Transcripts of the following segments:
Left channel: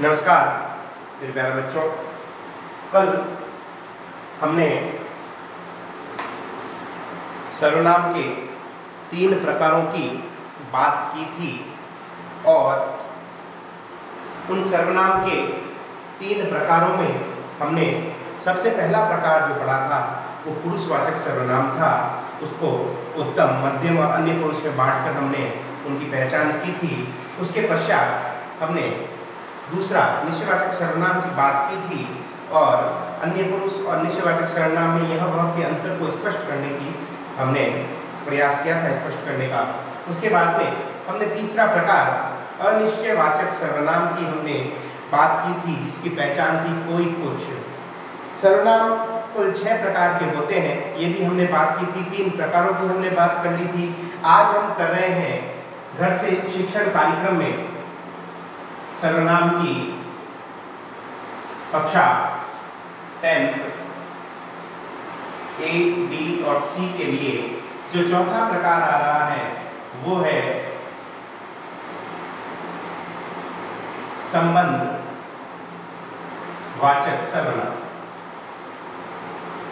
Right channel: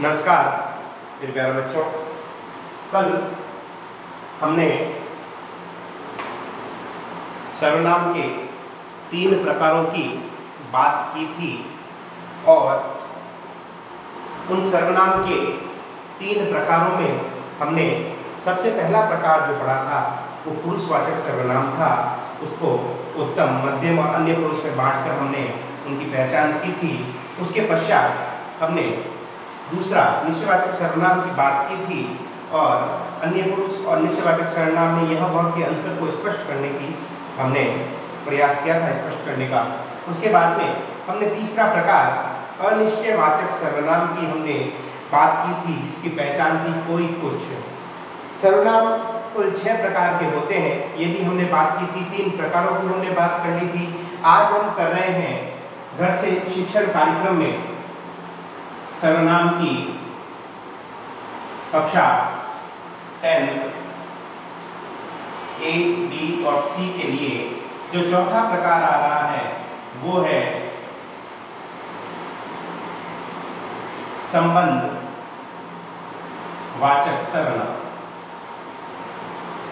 नमस्कार मेरे प्यारे बच्चों। कल हमने सर्वनाम के 3 प्रकारों की बात की थी और उन सर्वनाम के 3 प्रकारों में हमने सबसे पहला प्रकार जो पढ़ा था वो पुरुषवाचक सर्वनाम था। उसको उत्तम, मध्यम और अन्य पुरुष में बांटकर हमने उनकी पहचान की थी। उसके पश्चात हमने दूसरा निश्चयवाचक सर्वनाम की बात की थी और अन्य पुरुष और निश्चयवाचक सर्वनाम में यह वह के अंतर को स्पष्ट करने की हमने प्रयास किया था, स्पष्ट करने का। उसके बाद में हमने तीसरा प्रकार अनिश्चयवाचक सर्वनाम की हमने बात की थी, जिसकी पहचान थी कोई कुछ। सर्वनाम कुल 6 प्रकार के होते हैं, ये भी हमने बात की थी। 3 प्रकारों की हमने बात कर ली थी। आज हम कर रहे हैं घर से शिक्षण कार्यक्रम में सर्वनाम की कक्षा 10 A, B और C के लिए जो चौथा प्रकार आ रहा है वो है संबंध वाचक सर्वनाम।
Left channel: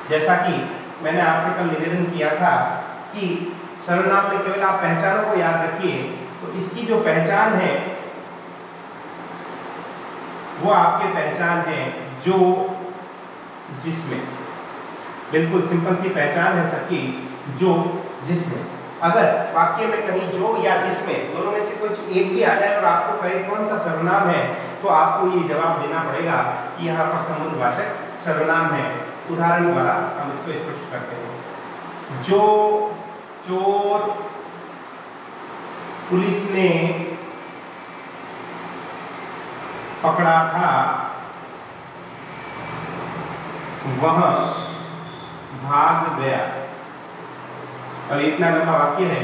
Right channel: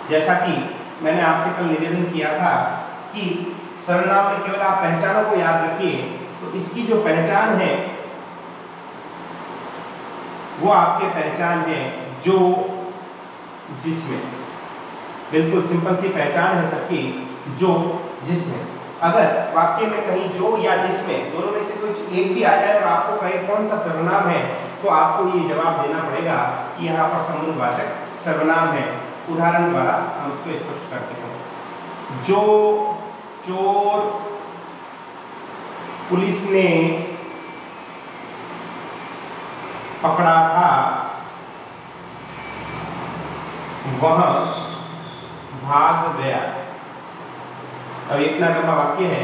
जैसा कि मैंने आपसे कल निवेदन किया था कि सर्वनाम में केवल आप पहचानों को याद रखिए, तो इसकी जो पहचान है वो आपके पहचान है जो जिसमें। बिल्कुल सिंपल सी पहचान है सबकी, जो जिसमें। अगर वाक्य में कहीं जो या जिसमें दोनों में से कुछ एक भी आ जाए और आपको कहे कौन सा सर्वनाम है, तो आपको ये जवाब देना पड़ेगा कि यहाँ पर संबंधवाचक सर्वनाम है। उदाहरण द्वारा हम इसको स्पष्ट करते हैं। जो चोर पुलिस ने पकड़ा था वह भाग गया। और इतना लंबा वाक्य है,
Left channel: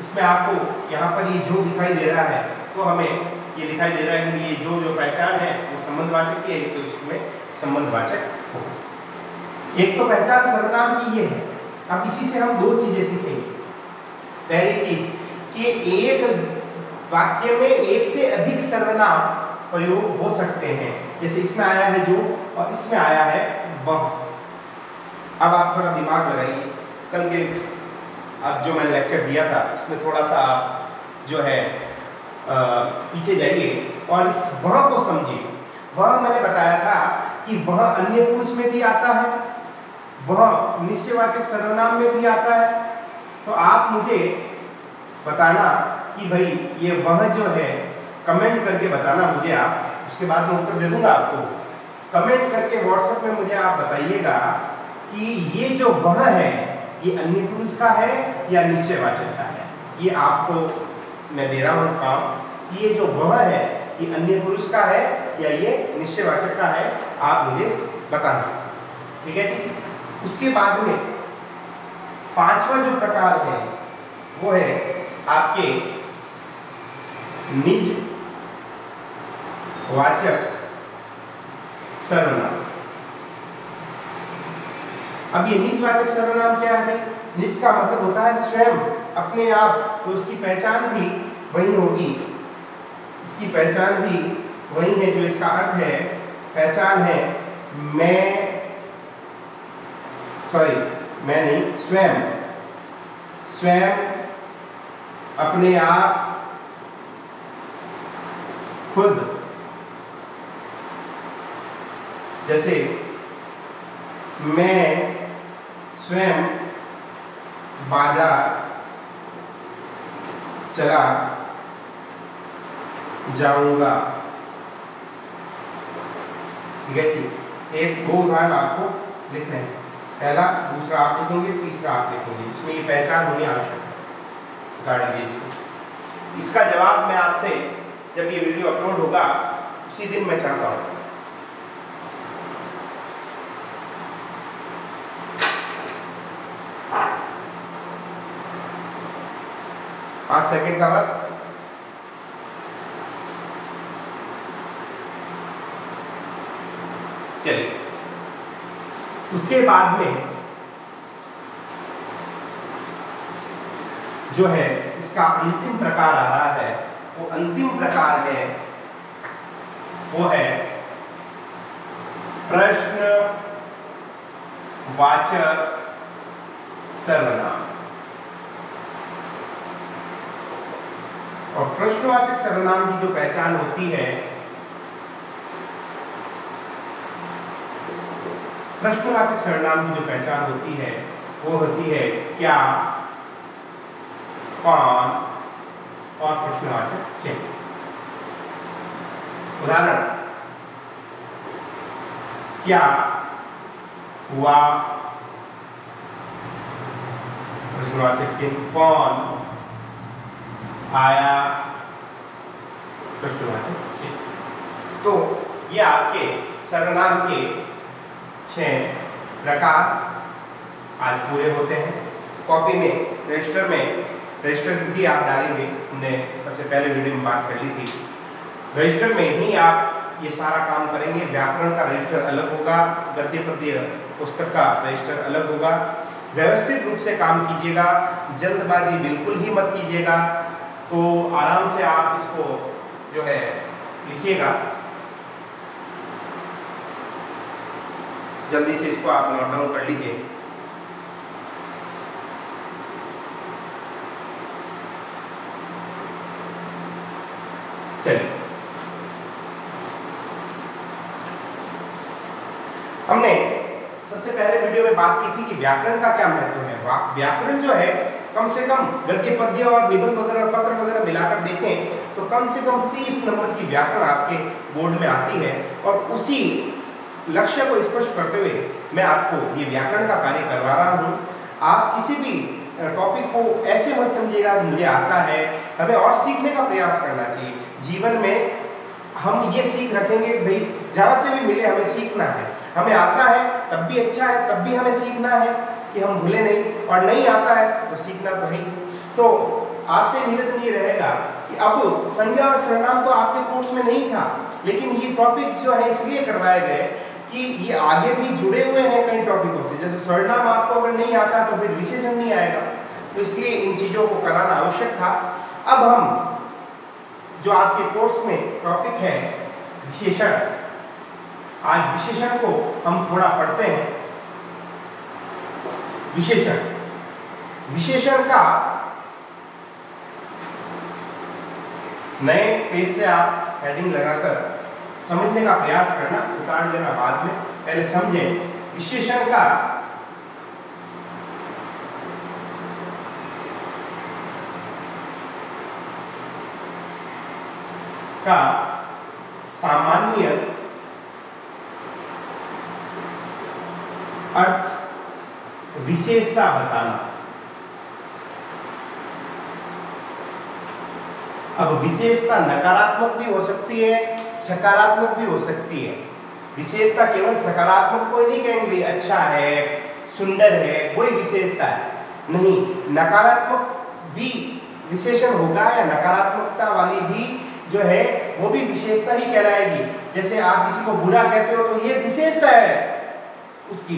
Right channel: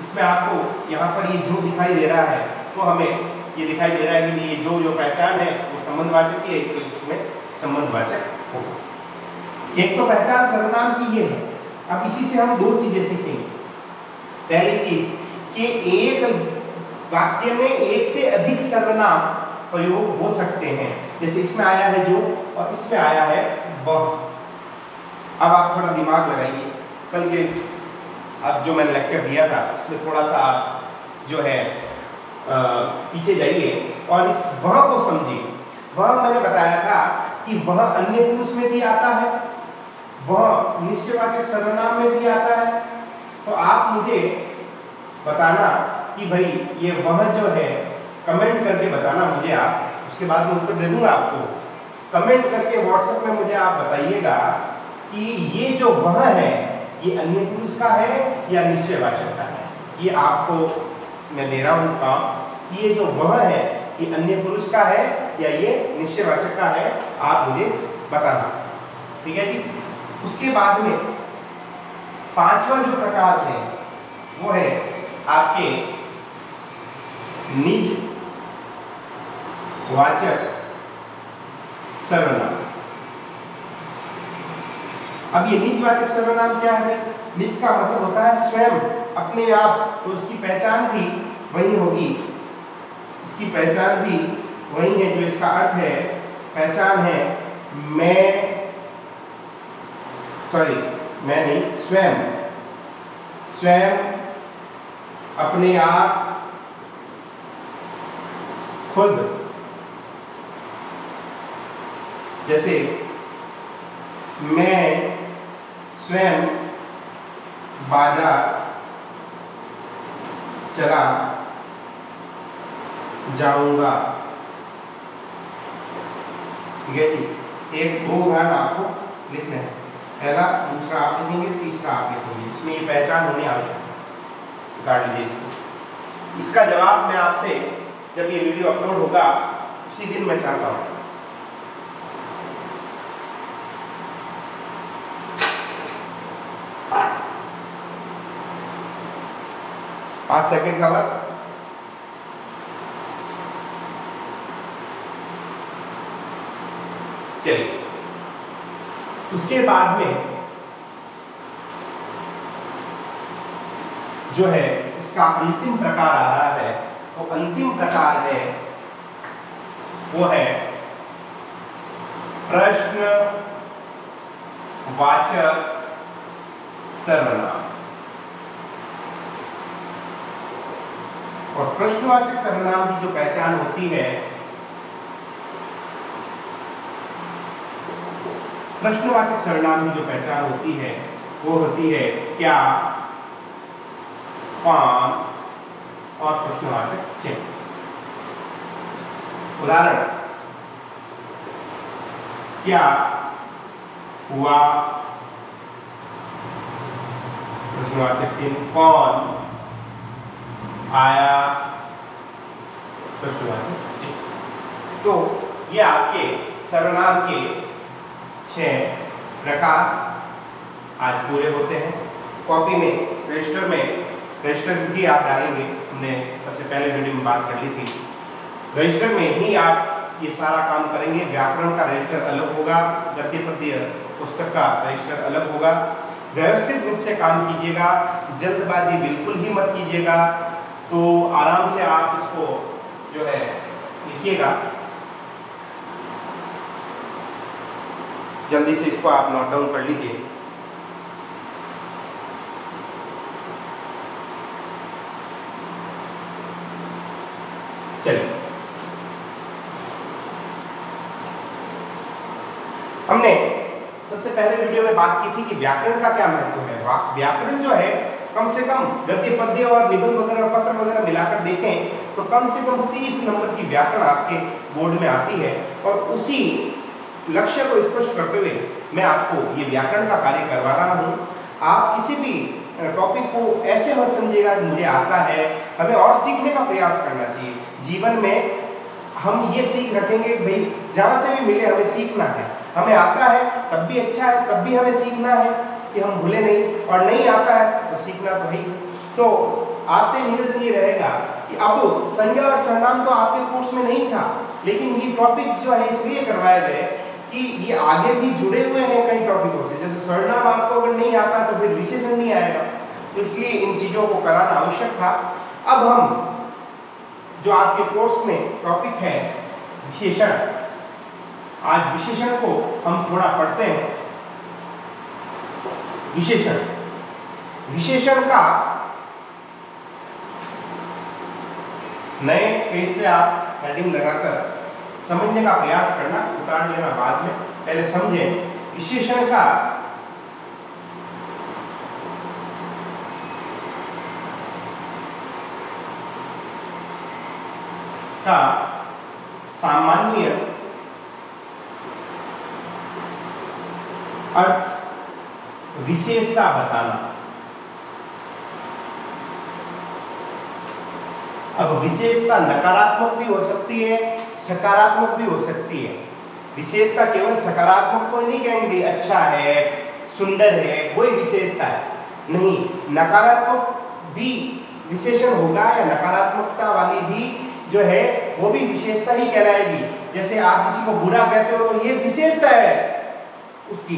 इसमें आपको यहाँ पर ये जो दिखाई दे रहा है तो हमें ये दिखाई दे रहा है कि ये जो पहचान है वो संबंधवाचक की है, तो इसमें संबंधवाचक हो। एक तो पहचान सर्वनाम की ये है। अब इसी से हम 2 चीजें सीखेंगे। पहली चीज कि एक वाक्य में एक से अधिक सर्वनाम प्रयोग हो सकते हैं। जैसे इसमें आया है जो और इसमें आया है वह। अब आप थोड़ा दिमाग लगाइए। कल के अब जो मैंने लेक्चर दिया था उसमें थोड़ा सा आप जो है पीछे जाइए और इस वह को समझिए। वह मैंने बताया था कि वह अन्य पुरुष में भी आता है, वह निश्चयवाचक सर्वनाम में भी आता है। तो आप मुझे बताना कि भाई ये वह जो है, कमेंट करके बताना मुझे आप, उसके बाद मैं उत्तर दे दूंगा आपको। कमेंट करके व्हाट्सएप में मुझे आप बताइएगा कि ये जो वह है ये अन्य पुरुष का है या निश्चयवाचक का है। ये आपको मैं दे रहा हूँ काम कि ये जो वह है ये अन्य पुरुष का है या ये निश्चयवाचक का है, आप मुझे बताना। ठीक है जी। उसके बाद में 5वां जो प्रकार है वो है आपके निज वाचक सर्वनाम। अब ये निजवाचक सर्वनाम क्या है? निज का मतलब होता है स्वयं, अपने आप, तो इसकी पहचान भी वही होगी। इसकी पहचान भी वही है जो इसका अर्थ है। पहचान है मैं नहीं, स्वयं अपने आप, खुद। जैसे मैं स्वयं बाजार चला जाऊंगा। ठीक है जी। 1-2 उदाहरण आपको लिखने हैं। पहला, दूसरा आप लिखेंगे, तीसरा आप लिखेंगे। इसमें ये पहचान होनी आवश्यक है। उतार लीजिए इसको। इसका जवाब मैं आपसे जब ये वीडियो अपलोड होगा उसी दिन मैं चाहता हूँ। पाँच सेकंड का वक्त। चलिए, उसके बाद में जो है इसका अंतिम प्रकार आ रहा है, तो अंतिम प्रकार है वो है प्रश्नवाचक सर्वनाम। और प्रश्नवाचक सर्वनाम की जो पहचान होती है, प्रश्नवाचक सर्वनाम की जो पहचान होती है वो होती है क्या, कौन और प्रश्नवाचक चिन्ह। उदाहरण, क्या हुआ, प्रश्नवाचक चिन्ह, कौन आया, प्रश्नवाचक चिन्ह। तो ये आपके सर्वनाम के 6 प्रकार आज पूरे होते हैं। कॉपी में रजिस्टर भी आप डालेंगे, हमने सबसे पहले वीडियो में बात कर ली थी। रजिस्टर में ही आप ये सारा काम करेंगे। व्याकरण का रजिस्टर अलग होगा, गद्य पद्य पुस्तक का रजिस्टर अलग होगा। व्यवस्थित रूप से काम कीजिएगा, जल्दबाजी बिल्कुल ही मत कीजिएगा। तो आराम से आप इसको जो है लिखिएगा, जल्दी से इसको आप नोट डाउन कर लीजिए। चलिए, हमने सबसे पहले वीडियो में बात की थी कि व्याकरण का क्या महत्व है। व्याकरण जो है कम से कम गद्य पद्य और निबंध वगैरह पत्र वगैरह मिलाकर देखें तो कम से कम 30 नंबर की व्याकरण आपके बोर्ड में आती है। और उसी लक्ष्य को स्पष्ट करते हुए मैं आपको ये व्याकरण का कार्य करवा रहा हूँ। आप किसी भी टॉपिक को ऐसे मत समझिएगा कि मुझे आता है, हमें और सीखने का प्रयास करना चाहिए। जीवन में हम ये सीख रखेंगे भाई जहाँ से भी मिले हमें सीखना है। हमें आता है तब भी अच्छा है, तब भी हमें सीखना है कि हम भूले नहीं, और नहीं आता है तो सीखना तो है ही। तो आपसे निवेदन ये रहेगा कि अब संज्ञा और सर्वनाम तो आपके कोर्स में नहीं था, लेकिन ये टॉपिक्स जो है इसलिए करवाए गए कि ये आगे भी जुड़े हुए हैं कई टॉपिकों से। जैसे सर्वनाम आपको अगर नहीं आता तो फिर विशेषण नहीं आएगा, तो इसलिए इन चीजों को कराना आवश्यक था। अब हम जो आपके कोर्स में टॉपिक है विशेषण, आज विशेषण को हम थोड़ा पढ़ते हैं। विशेषण का नए पेज से आप हेडिंग लगाकर समझने का प्रयास करना, उतार लेना बाद में। पहले समझें विशेषण का सामान्य अर्थ, विशेषता बताना। अब विशेषता नकारात्मक भी हो सकती है, सकारात्मक भी हो सकती है। विशेषता केवल सकारात्मक को ही नहीं कहेंगे अच्छा है, सुंदर है, वही विशेषता है, नहीं। नकारात्मक भी विशेषण होगा या नकारात्मकता वाली भी जो है वो भी विशेषता ही कहलाएगी। जैसे आप किसी को बुरा कहते हो तो ये विशेषता है उसकी,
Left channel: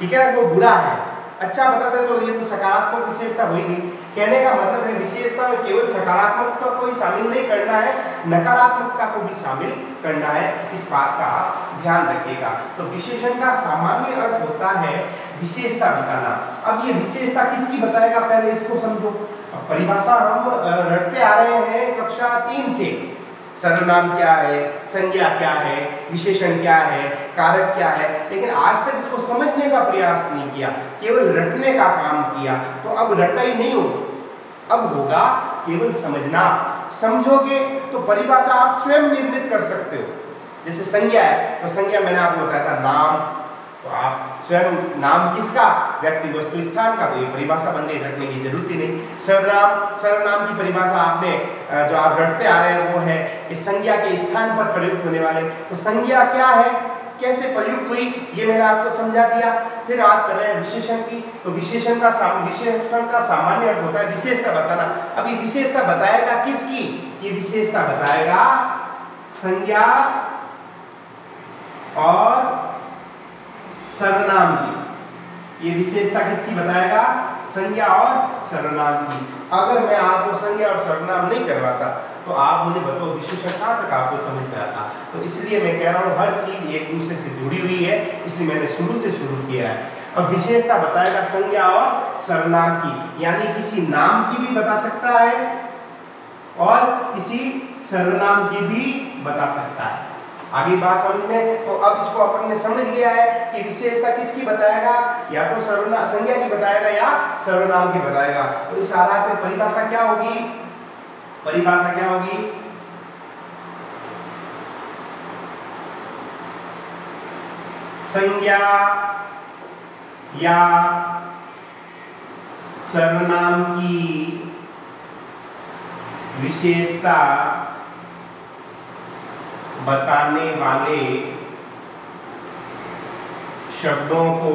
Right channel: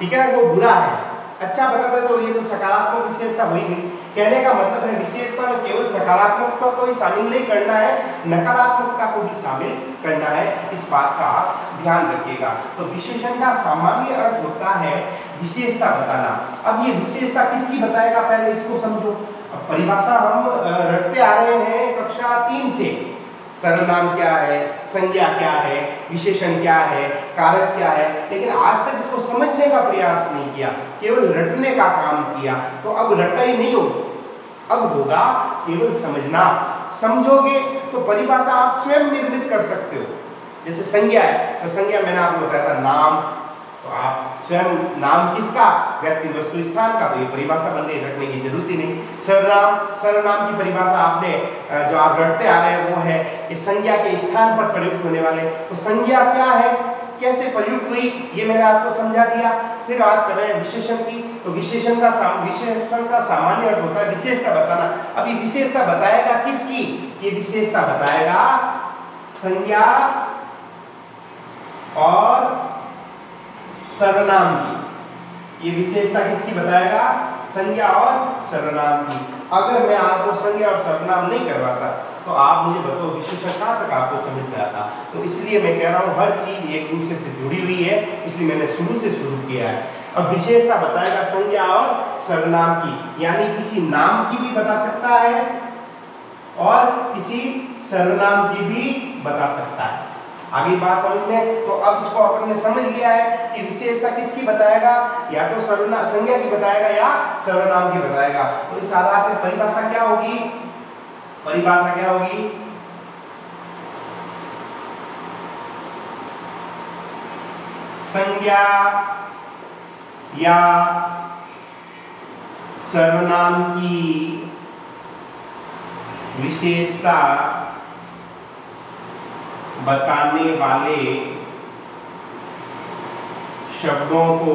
ठीक है, वो बुरा है। अच्छा बताते तो ये तो सकारात्मक विशेषता हुई गई। कहने का मतलब है विशेषता में केवल सकारात्मकता को ही शामिल नहीं करना है, नकारात्मकता को भी शामिल करना है। इस बात का आप ध्यान रखिएगा। तो विशेषण का सामान्य अर्थ होता है विशेषता बताना। अब ये विशेषता किसकी बताएगा, पहले इसको समझो। परिभाषा हम रटते आ रहे हैं कक्षा 3 से। सर्वनाम क्या है, संज्ञा क्या है, विशेषण क्या है, कारक क्या है, लेकिन आज तक इसको समझने का प्रयास नहीं किया, केवल रटने का काम किया। तो अब रटाई नहीं होगी, अब होगा केवल समझना। समझोगे तो परिभाषा आप स्वयं निर्मित कर सकते हो। जैसे संज्ञा है तो संज्ञा मैंने आपको बताया था नाम, तो आप स्वयं नाम किसका, व्यक्ति वस्तु स्थान का, तो ये परिभाषा बन गई, रखने की जरूरत ही नहीं। सर्वनाम की परिभाषा आपने जो आप रटते आ रहे हैं वो है कि संज्ञा के स्थान पर प्रयुक्त होने वाले। तो संज्ञा क्या है, कैसे प्रयुक्त हुई, ये मैंने आपको समझा दिया। फिर बात कर रहे हैं विशेषण की। तो विशेषण का सामान्य अर्थ होता है विशेषता बताना। अब ये विशेषता बताएगा किसकी, ये विशेषता बताएगा संज्ञा और सर्वनाम की। ये विशेषता किसकी बताएगा, संज्ञा और सर्वनाम की। अगर मैं आपको संज्ञा और सर्वनाम नहीं करवाता तो आप मुझे बताओ विशेषण कहाँ तक आपको समझ में आता। तो इसलिए मैं कह रहा हूँ हर चीज एक दूसरे से जुड़ी हुई है, इसलिए मैंने शुरू से शुरू किया है। अब विशेषता बताएगा संज्ञा और सर्वनाम की, यानी किसी नाम की भी बता सकता है और किसी सर्वनाम की भी बता सकता है। आगे बात समझ में, तो अब इसको अपन ने समझ लिया है कि विशेषता किसकी बताएगा, या तो सर्वनाम संज्ञा की बताएगा या सर्वनाम की बताएगा। तो इस आधार पे परिभाषा क्या होगी, परिभाषा क्या होगी, संज्ञा या सर्वनाम की विशेषता बताने वाले शब्दों को